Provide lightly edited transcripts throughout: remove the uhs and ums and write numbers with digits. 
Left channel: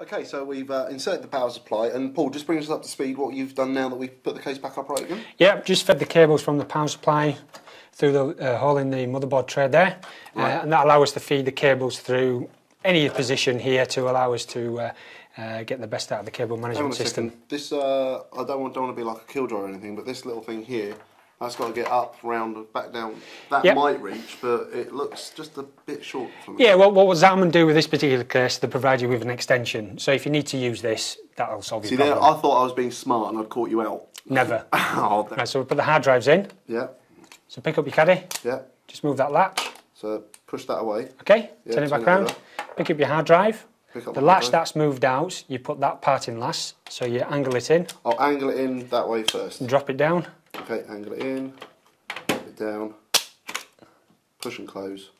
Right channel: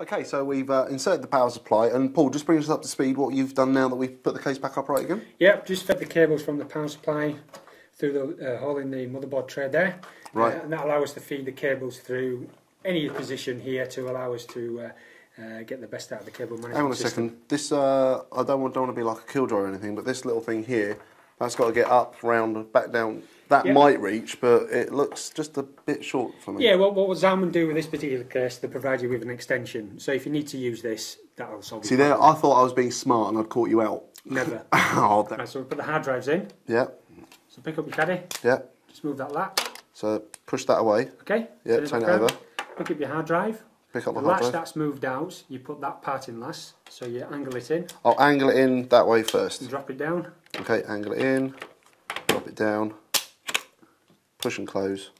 Okay, so we've inserted the power supply, and Paul, just bring us up to speed what you've done now that we've put the case back upright again. Yeah, just fed the cables from the power supply through the hole in the motherboard tray there, right. And that allows us to feed the cables through any position here to allow us to get the best out of the cable management system. This, I don't want to be like a killjoy or anything, but this little thing here, that's got to get up, round, back down. That might reach, but it looks just a bit short for me. Yeah, well, what Zalman do with this particular case, they provide you with an extension. So if you need to use this, that'll solve your problem. See, I thought I was being smart and I'd caught you out. Never. Oh, right, so we'll put the hard drives in. Yeah. So pick up your caddy. Yeah. Just move that latch. So push that away. Okay, yeah, turn it back around. Pick up your hard drive. Pick up the latch that's moved out, you put that part in last, so you angle it in. I'll angle it in that way first. And drop it down. Okay, angle it in. Drop it down, push and close.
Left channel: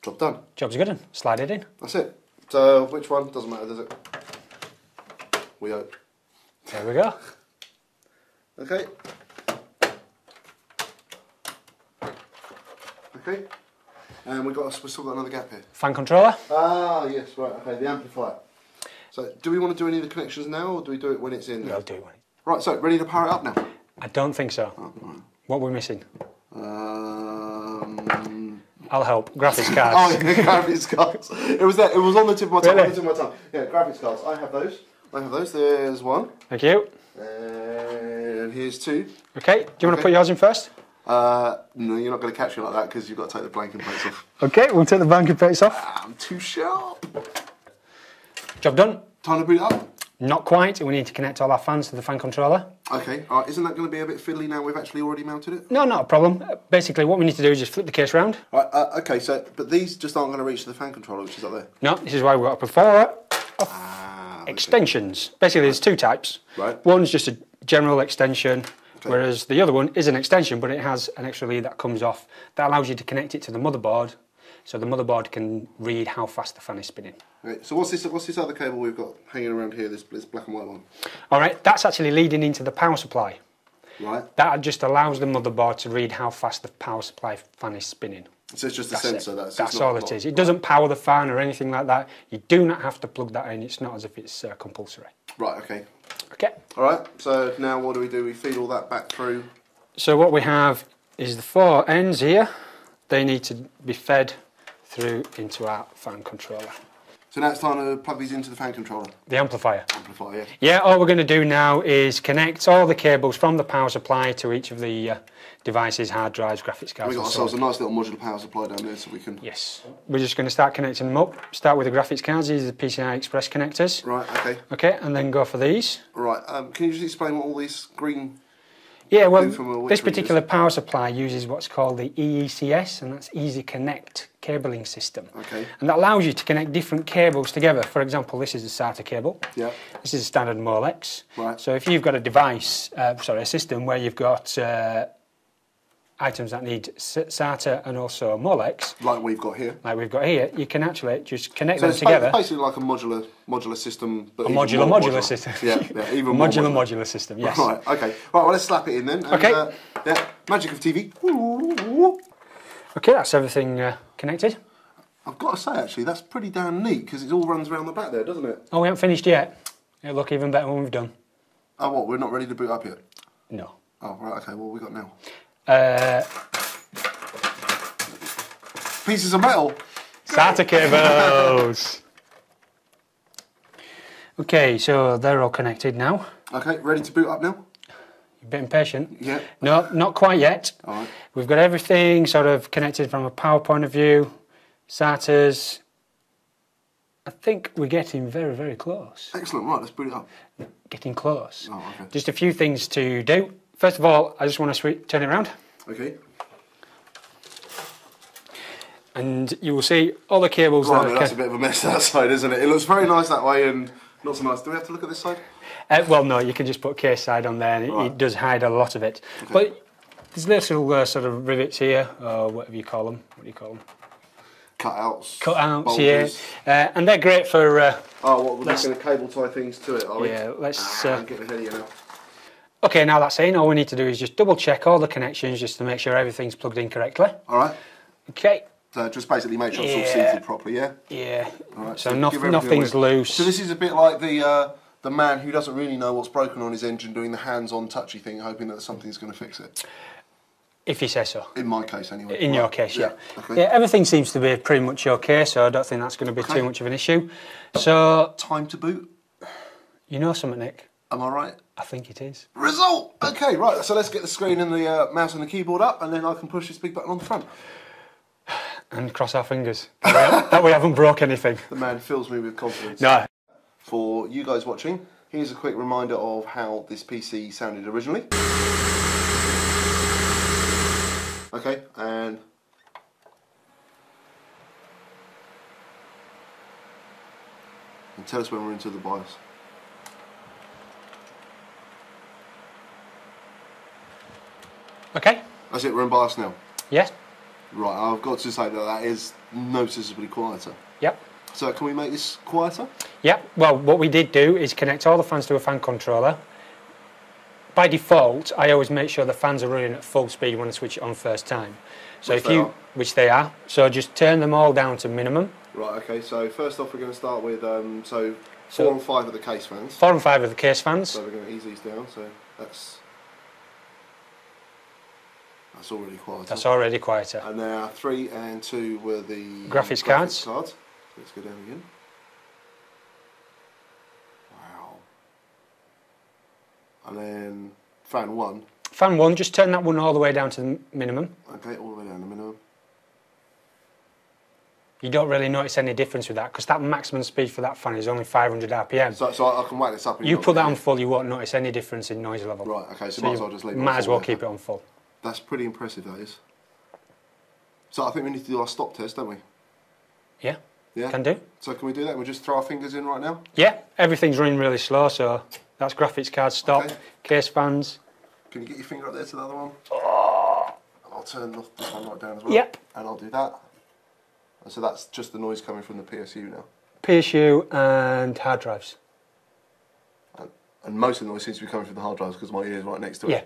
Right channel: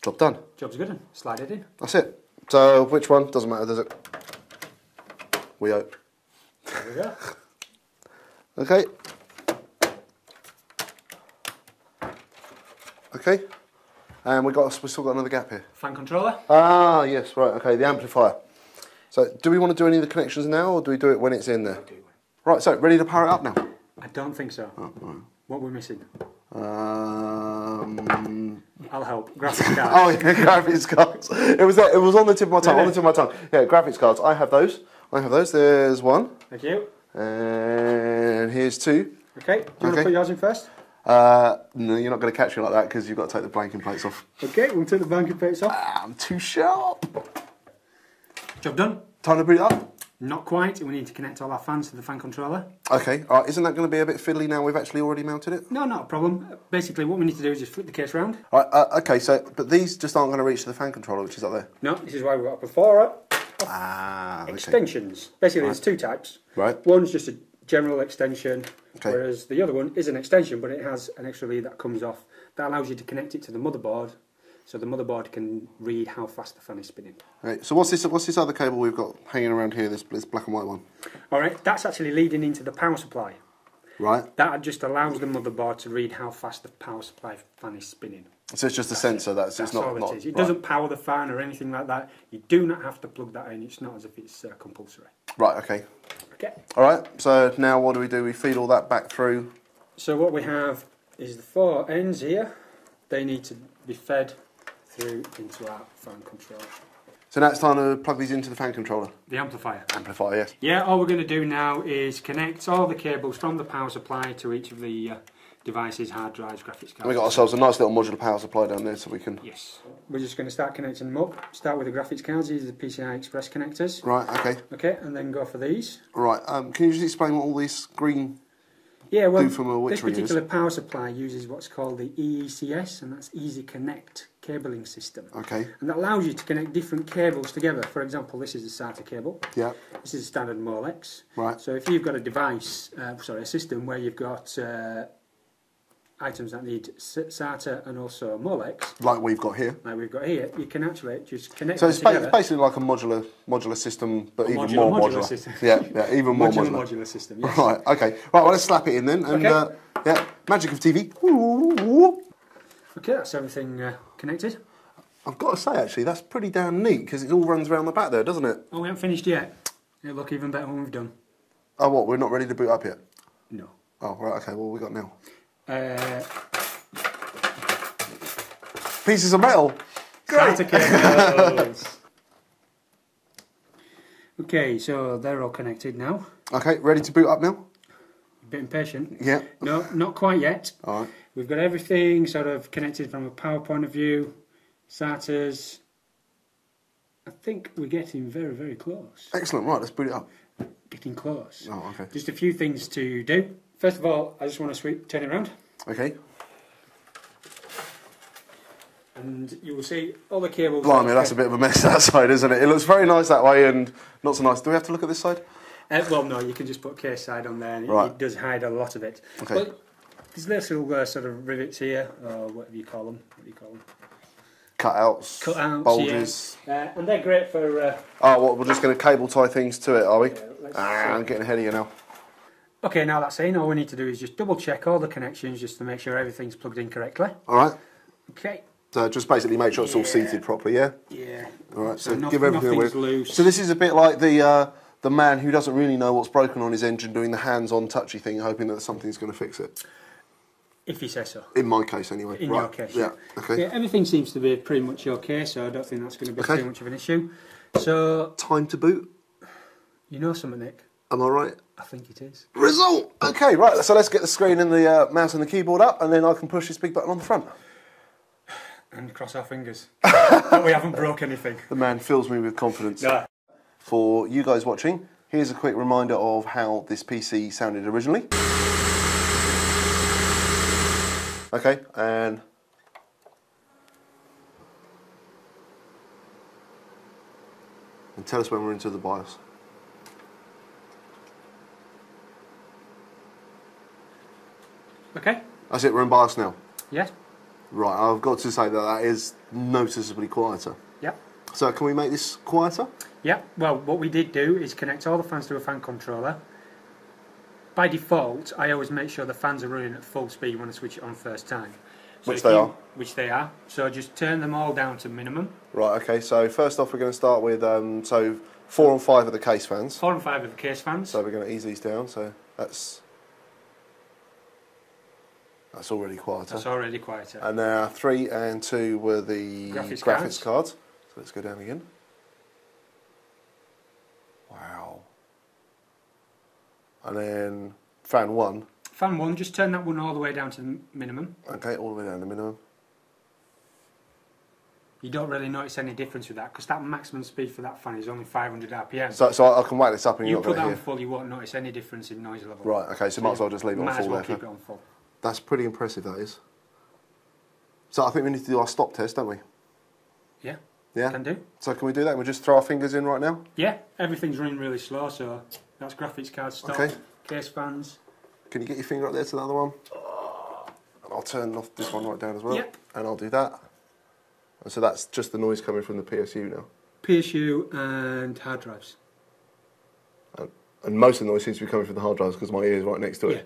Job done. Job's good. Slide it in. That's it. So which one? Doesn't matter, does it? We hope. There we go. Okay. Okay. And we've still got another gap here. Fan controller. Ah, yes, right. Okay, the amplifier. So do we want to do any of the connections now, or do we do it when it's in there? We'll do it. Right. So ready to power it up now? I don't think so. Oh, no. What are we missing? I'll help. Graphics cards. Oh, yeah, graphics cards. It was there. It was on the tip of my tongue. Really? On the tip of my tongue. Yeah, graphics cards. I have those. There's one. Thank you. And here's two. Okay. Do you want to put yours in first? No, you're not going to catch me like that because you've got to take the blanking plates off. Okay, we'll take the blanking plates off. I'm too sharp. Job done. Time to boot it up? Not quite. We need to connect all our fans to the fan controller. Okay. All right. Isn't that going to be a bit fiddly now we've actually already mounted it? No, not a problem. Basically, what we need to do is just flip the case round. All right. Okay. So, but these just aren't going to reach to the fan controller, which is up there. No, this is why we've got a plethora of extensions. Basically, there's two types. Right. One's just a general extension. Okay. Whereas the other one is an extension, but it has an extra lead that comes off. That allows you to connect it to the motherboard, so the motherboard can read how fast the fan is spinning. Okay, so what's this other cable we've got hanging around here, this black and white one? All right, that's actually leading into the power supply. Right. That just allows the motherboard to read how fast the power supply fan is spinning. So it's just a sensor. That's all it is. It doesn't power the fan or anything like that. You do not have to plug that in. It's not as if it's compulsory. Right, okay. Okay. All right, so now what do? We feed all that back through? So what we have is the four ends here. They need to be fed through into our fan controller. So now it's time to plug these into the fan controller? The amplifier. Amplifier, yes. Yeah, all we're going to do now is connect all the cables from the power supply to each of the devices, hard drives, graphics cards. We've got ourselves a nice little modular power supply down there so we can... Yes. We're just going to start connecting them up. Start with the graphics cards. These are the PCI Express connectors. Right, okay. Okay, and then go for these. Right, can you just explain what all this green... Yeah, well, this particular power supply uses what's called the EECS, and that's Easy Connect cabling system. Okay. And that allows you to connect different cables together. For example, this is a SATA cable. Yeah. This is a standard Molex. Right. So if you've got a device, a system where you've got items that need SATA and also Molex. Like we've got here. You can actually just connect them together. It's basically like a modular system, but a modular system. Yeah, even more modular system, yes. Right, okay. Right, well, let's slap it in then. And, okay. Yeah, magic of TV. Okay, that's everything connected. I've got to say, actually, that's pretty damn neat, because it all runs around the back there, doesn't it? Oh, we haven't finished yet. It'll look even better when we've done. Oh, what, we're not ready to boot up yet? No. Oh, right, okay, what have we got now? Pieces of metal. SATA cables. Okay, so they're all connected now. Okay, ready to boot up now? A bit impatient. Yeah. No, not quite yet. All right. We've got everything sort of connected from a power point of view. SATAs. I think we're getting very, very close. Excellent, right, let's boot it up. Getting close. Oh, okay. Just a few things to do. First of all, I just want to turn it around. Okay. And you will see all the cables... Blimey, that's a bit of a mess that side, isn't it? It looks very nice that way and not so nice. Do we have to look at this side? Well, no, you can just put case side on there and it does hide a lot of it. Okay. But there's little sort of rivets here, or whatever you call them. What do you call them? Cutouts. Cutouts, bulges. Yeah. And they're great for... we're just going to cable tie things to it, are we? Yeah, let's... I'm getting ahead of you now. Okay, now that's in, all we need to do is just double check all the connections just to make sure everything's plugged in correctly. All right. Okay, So just basically make sure it's all seated properly, yeah? Yeah. Right, so nothing's loose. So this is a bit like the man who doesn't really know what's broken on his engine doing the hands-on touchy thing, hoping that something's going to fix it. If you say so. In my case, anyway. In your case, yeah. Okay. Yeah, everything seems to be pretty much okay, so I don't think that's going to be too much of an issue. So... Time to boot? You know something, Nick? Am I right? I think it is. Result! Okay, right, so let's get the screen and the mouse and the keyboard up, and then I can push this big button on the front. And cross our fingers that we haven't broke anything. The man fills me with confidence. No. For you guys watching, here's a quick reminder of how this PC sounded originally. Okay, and tell us when we're into the BIOS. Okay. That's it, we're in BIOS now. Yes. Right, I've got to say that is noticeably quieter. Yep. So can we make this quieter? Yep. Well, what we did do is connect all the fans to a fan controller. By default, I always make sure the fans are running at full speed when I switch it on first time. So which they are. So just turn them all down to minimum. Right, okay, so first off we're going to start with, 4 and 5 are the case fans. 4 and 5 are the case fans. So we're going to ease these down, so that's already quieter. That's already quieter. And now 3 and 2 were the graphics cards. So let's go down again. Wow. And then fan 1. Fan 1, just turn that one all the way down to the minimum. Okay, all the way down to the minimum. You don't really notice any difference with that because that maximum speed for that fan is only 500 RPM. So I can whack this up and you put that on full, you won't notice any difference in noise level. Right, okay, so might as well just leave it on full. Might as well keep it on full. That's pretty impressive, that is. So I think we need to do our stop test, don't we? Yeah. Yeah? Can do. So can we do that? We'll just throw our fingers in right now? Yeah, everything's running really slow, so that's graphics card stop, okay. Case fans. Can you get your finger up there to the other one? Oh. And I'll turn off this one right down as well. Yep. And I'll do that. And so that's just the noise coming from the PSU now. PSU and hard drives. And most of the noise seems to be coming from the hard drives because my ear is right next to it. Yeah.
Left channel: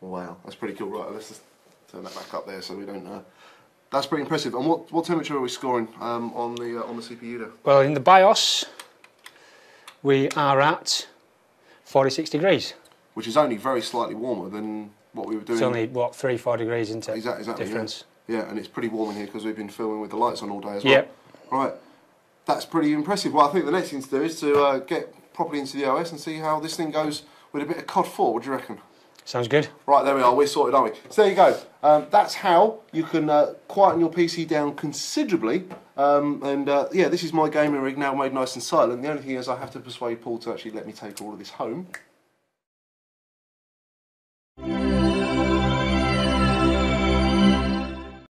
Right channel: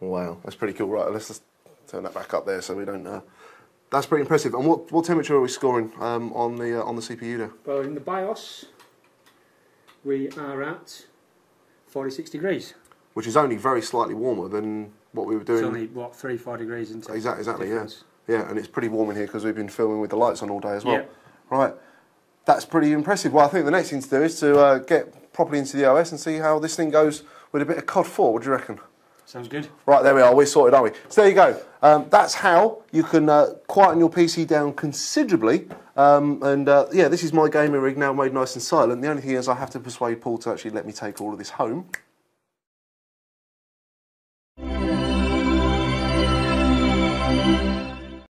Wow, that's pretty cool. Right, let's just turn that back up there so we don't... That's pretty impressive. And what temperature are we scoring on the CPU there? Well, in the BIOS, we are at 46 degrees. Which is only very slightly warmer than what we were doing. It's only, what, 3-4 degrees into exactly, difference. Yeah, and it's pretty warm in here because we've been filming with the lights on all day as well. Yep. Right, that's pretty impressive. Well, I think the next thing to do is to get properly into the OS and see how this thing goes with a bit of COD 4. What do you reckon? Sounds good. Right, there we are. We're sorted, aren't we? So there you go. That's how you can quieten your PC down considerably. Yeah, this is my gaming rig now made nice and silent. The only thing is I have to persuade Paul to actually let me take all of this home.